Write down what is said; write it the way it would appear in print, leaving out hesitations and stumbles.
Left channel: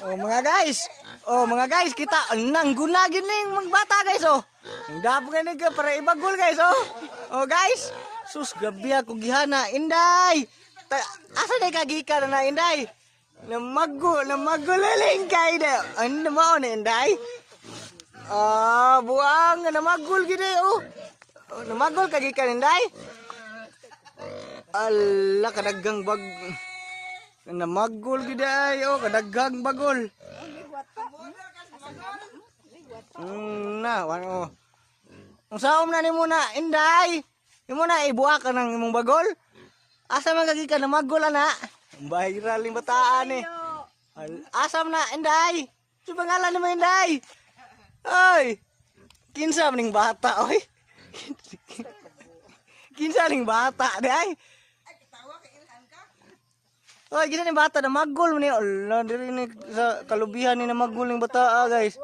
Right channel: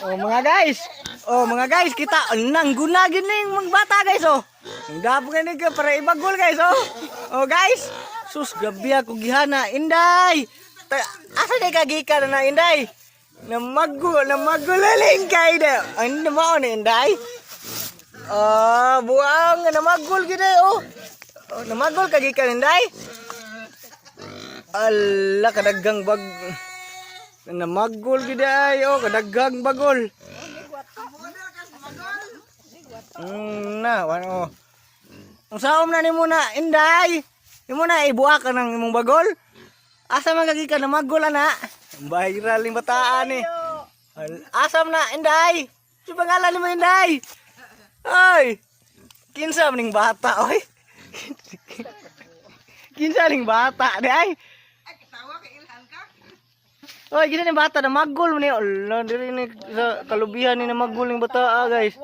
Mga guys, kita nang gunagin ning mga bata guys oh. Gabo ka ning para ibagol guys oh. Oh guys, sus gabi ako gihana Inday. Asa day kagikan na Inday? Namagulaling kay da. Ano mao ni Inday? Buang namagul gid oh. Namagol kagikan Inday. Ala kadaggang bag namagol gid ay oh kadaggang bagol. Wano. Ang saom na nimo na Inday. Imo na ibuak ka ng imong bagol. Asa man kagikan namagol ana? Viral ning bataan eh. Asam na Inday. Si pangalan mo Inday. Ay. Kinsa ning bata oy. Kinsa ning bata day. Oy, gina ni bata na magul ni. Allah, diri ni sa kalubihan ni na magul ning bata guys.